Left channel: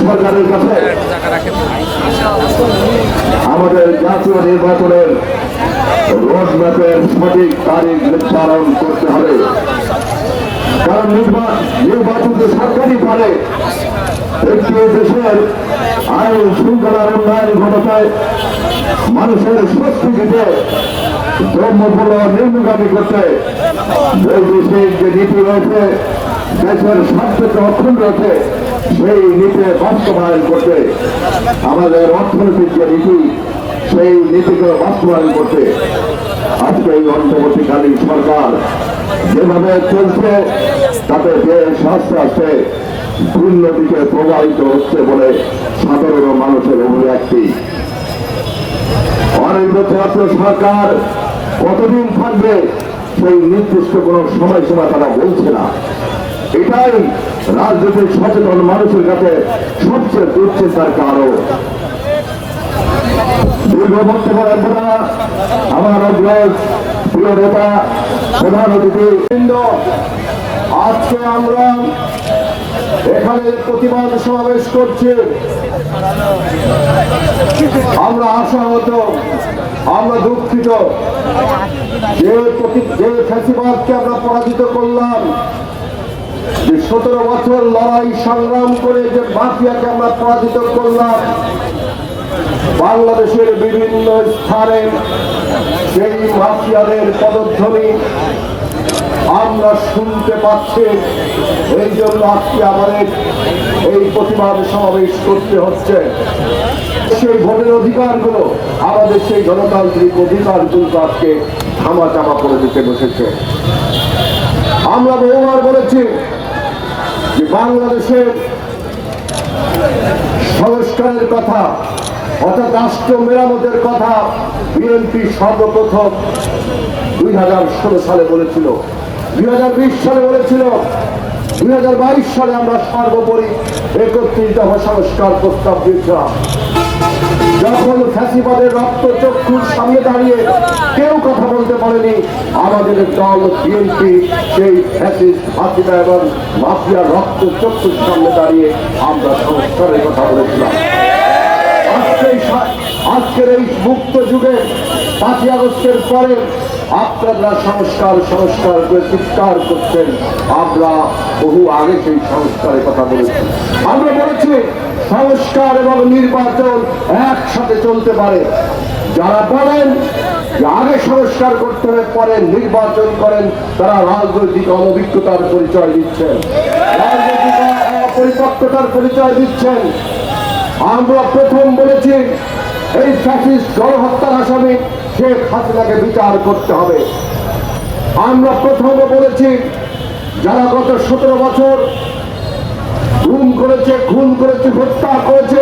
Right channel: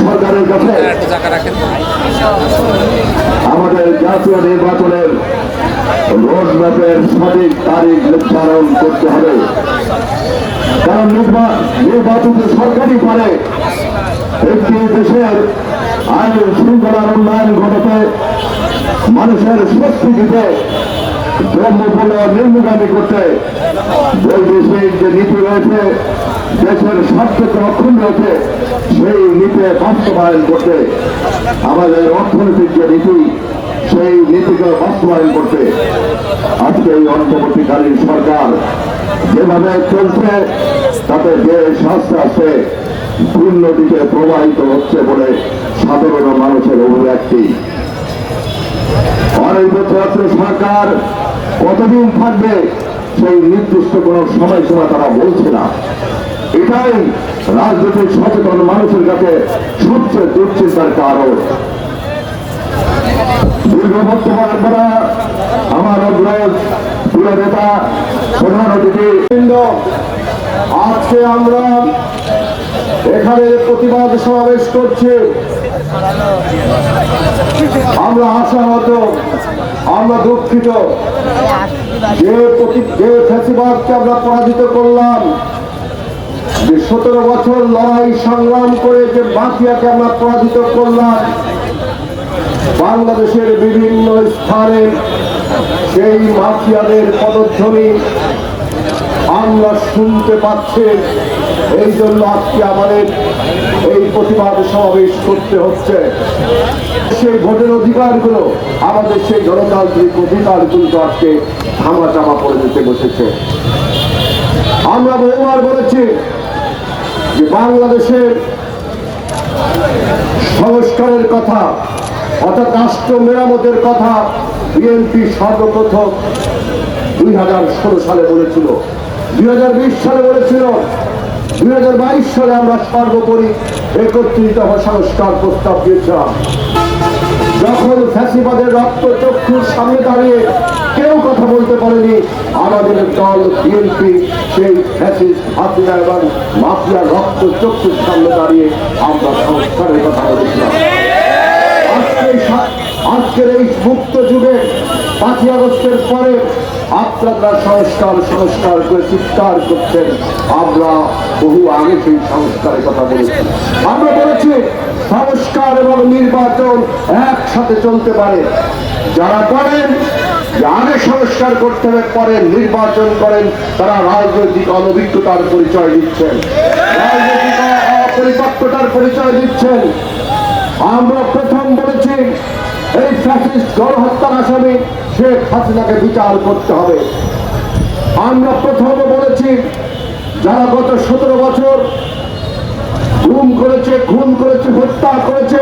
সরকারের কাছে। আমাদের জাতীয় নির্বাচনের রোডম্যাপের সঠিক তারিখ নির্ধারণ করতে হবে। কারণ নির্বা- নির্বাচন যে সরকারই করে একটি দেশের আইন শৃঙ্খলার উন্নয়ন ঘটাতে মানুষের শক্তি দিতে ধর্মগুলো নির্মগামী করতে বৈদেশিক যে নীতি রয়েছে দেশের স্বার্থকে অক্ষুণ্ণ রয়েছে সেই নীতি বাস্তবায়ন করতে। আমাদের অর্থনৈতিক যে নীতি, সেই নীতিকে বাস্তবায়ন করতে। আজকে এই অন্তর্বর্তীকালীন সরকার যেভাবে চলছে, তাতে দেশ আস্তে আস্তে দিকে প্রবাহিত হচ্ছে বলে সাধারণ মানুষের অভিব্যক্তি। অনির্বাচিত সরকার কতদিন থাকবে? সেই নির্দিষ্ট কোন সময়সীমা তারা বলছে না। এটাই রাজনৈতিক সচেতন মানুষের কাছে সবচেয়ে দুশ্চিন্তার কারণ। দীর্ঘ আমার অগ্রজ, প্রিয় নেতা, প্রধান অতিথি আজকে আমরা এখানে প্রতিবাদ সমাবেশ করছি আমরা আশাহত, আমরা দুঃখিত। যে যে ফ্যাসিবাদকে আমরা পরাজিত করলাম, যে সতেরো বছর লড়াই সংগ্রাম করে যে মাফিয়াকে আমরা পরাজিত করলাম, বাংলাদেশের বিভিন্ন স্থানে সেই মাফিয়াদের পদধ্বনি আমরা শুনতে পাচ্ছি। এই জন্য আজকে আমাদের এই প্রতিবাদ সমাবেশ করতে হচ্ছে। সেই ভোটের অধিকারগুলো, আমাদের সেই গণতান্ত্রিক অধিকারগুলো আজকে থামা চামা করে দিতে বসেছে। আমরা বহুবার বলেছি যে বাংলাদেশের সংস্কারের কথা, অর্থাৎ রাষ্ট্র মেরামতের কথা বিএনপি সর্বপ্রথম দুই হাজার ষোলো সালে বলেছিল। দুই হাজার বিশ সালে বলেছিল, দুই হাজার বাইশ সালে আমরা সর্বোপরি একত্রিত দফা সংস্কার প্রস্তাব দিয়েছিলাম। যখন ফ্যাসিবাদের রক্ত চক্ষুর সামনে দাঁড়িয়ে কেউ কথা বলতে পারেনি, আমাদের দল বিএনপি সেই ফ্যাসিস্ট হাসিনা এবং মাফিয়া রক্ত চক্ষুর সামনে দাঁড়িয়ে আমরা সংস্কারের কথা বলেছিলাম। আজকে আজকের এই মুক্ত যুগে পাঁচই আগস্টের পরে আপনারা সংস্কার সংস্কার করে চিৎকার করছেন। আমরা বহু আগে সেই সংস্কারের কথা বলেছি। আমরা বলেছি, সংস্কার এবং নির্বাচন একসাথে চলতে পারে। যারা বলেন আগে সংস্কার করতে হবে, পরে নির্বাচন করেন, তারা রাজনৈতিক অনভিজ্ঞতার পরিচয় দিচ্ছেন। রাজনৈতিক অপরিপক্কতার পরিচয় দিচ্ছেন। আমরা প্রথম বলেছি এই ফ্যাসিস্ট গণহত্যার আসামি শেখ হাসিনাকে বিচার করতে হবে। আমরা প্রথম বলেছি, যারা গত সতেরো বছর গুম করেছে, খুন করেছে, হত্যা করেছে,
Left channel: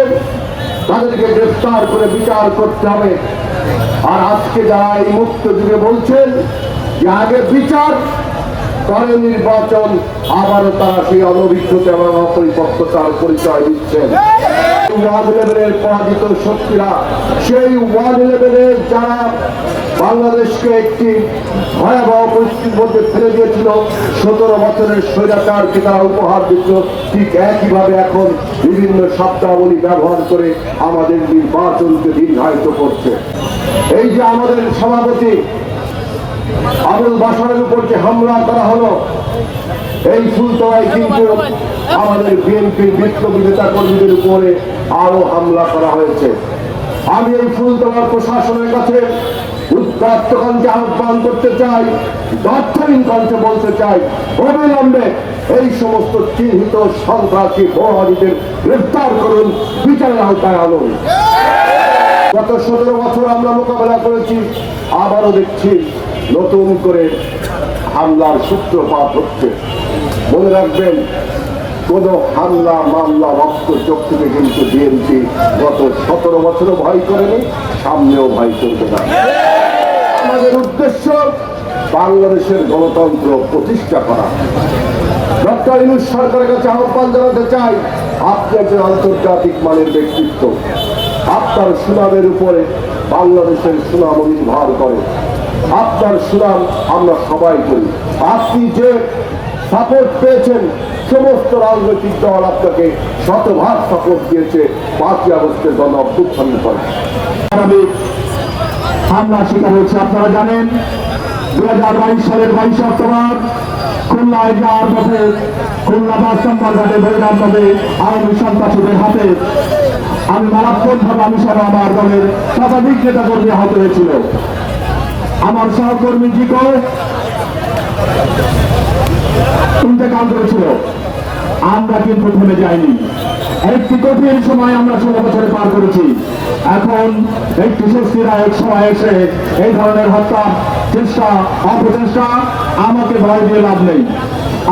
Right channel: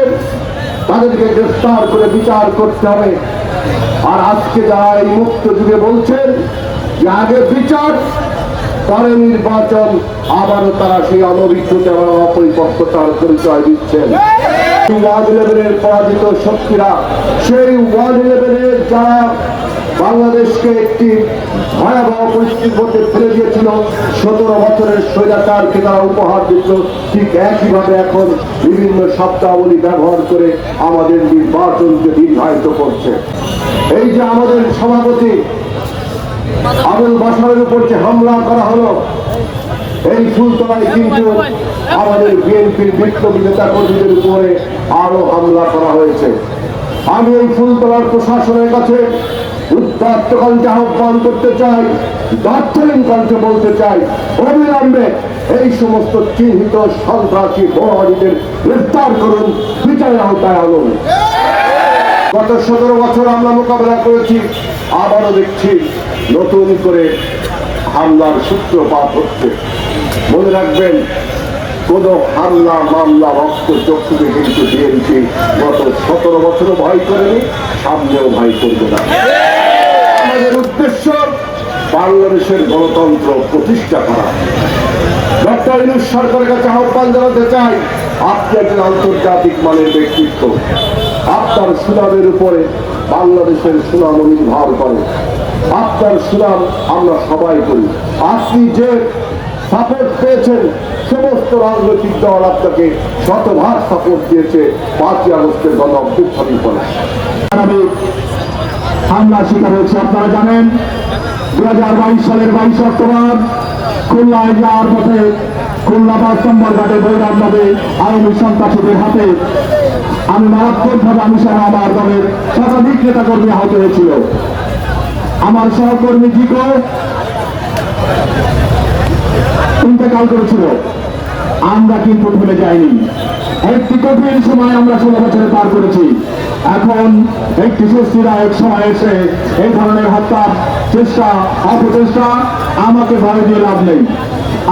তাদেরকে গ্রেফতার করে বিচার করতে হবে। আর আজকে যারা এই মুক্ত যুগে বলছেন যে আগে বিচার, পরে নির্বাচন, আবারও তারা সেই অনভিজ্ঞতা এবং অপরিপক্কতার পরিচয় দিচ্ছেন। ওয়ান ইলেভেনের পরাজিত শক্তিরা, সেই ওয়ান ইলেভেনের যারা বাংলাদেশকে একটি ভয়াবহ পরিস্থিতির মধ্যে ফেলে দিয়েছিল, সতেরো বছরের স্বৈরাচারকে তারা উপহার দিত, ঠিক একইভাবে এখন বিভিন্ন শব্দাবলী ব্যবহার করে আমাদের নির্বাচনকে নির্ধারিত করছে। এই যে আমাদের সভাপতি আবুল বাসরের উপর যে হামলা করা হলো এই ফুলতলায় কিন্তু আমাদের বিএনপির বিপ্লবী নেতা কর্মীদের উপরে আরও হামলা করা হয়েছে। আমি এই ফুলতলার প্রশাসনের কাছে উত্তপ্ত আহ্বান করতে চাই দার্থহীন কণ্ঠে বলতে চাই অবিলম্বে এই সমস্ত চিহ্নিত সন্ত্রাসী বড়াদিদের গ্রেফতার করুন বিচারের আওতায় আনুন। গত সতেরো বছর আমরা মোকাবেলা করেছি আবারও দেখছি নতুন করে হামলার সূত্রপাত হচ্ছে। মনে রাখবেন, কোন হামলা, মামলা, রক্ত, চক্ষুকে কিন্তু বিএনপি গত সতেরো বছরও ভয় করেনি, সামনেও ভয় করবে না। আমাদের উদ্দেশ্য বাংলাদেশের গণতন্ত্র প্রতিষ্ঠা করা। ডক্টর ইনুস সরকারের কাছে আহ্বান জানাতে চাই, আপনি একজন আন্তর্জাতিক মানের ব্যক্তিত্ব। আপনার সুনামের উপরে বাংলাদেশের সুনাম নির্ভর করে। আপনার সুনাম আমরা সবাই করি। আপনি যে সাপোর্ট পেয়েছেন সমস্ত রাজনৈতিক দল আপনাকে শতভাগ সাপোর্ট দিয়েছে পাঁচই আগস্টের গণ অভ্যুত্থানের পরে স্বাভাবিক হামলার শিকার হয়েছে, আপনারা জানেন। দুই হাজার বাইশ সালের বাইশ অক্টোবর খুলনায় যাওয়ার পথে খুলনা ঘাটে বৈরাম নদে সন্ত্রাসীদের হাতে। আমি মারাত্মকভাবে আমি সহ আমার দলের শতাধিক নেতা কর্মী আহত হয়েছিল। আমার সহকর্মী কি কয় ইন্তেকাল করেছিল আমরা কিন্তু ভুলে যাইনি। একটি কঠিন সময় আমরা ষোলো বছর পার করেছি। এখন একটি স্বস্তিদায়ক সময় এসে এই ধরনের হত্যা, চেষ্টা অপচেষ্টা আমাকে ভয় দিয়ে লাভ নেই।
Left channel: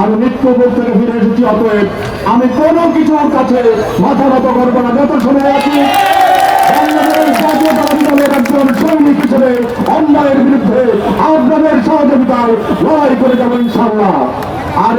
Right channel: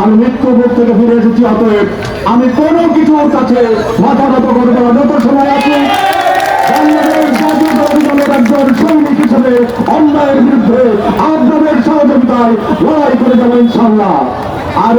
আমি মৃত্যুবোধ থেকে ফিরে এসেছি, অতএব আমি কোনো কিছুর কাছে মাথা নত করব না। যত সময় আছি সৈনিক হিসেবে অন্যায়ের বিরুদ্ধে আপনাদের সহযোগিতায় লড়াই করে যাবেন ইনশাল্লাহ আর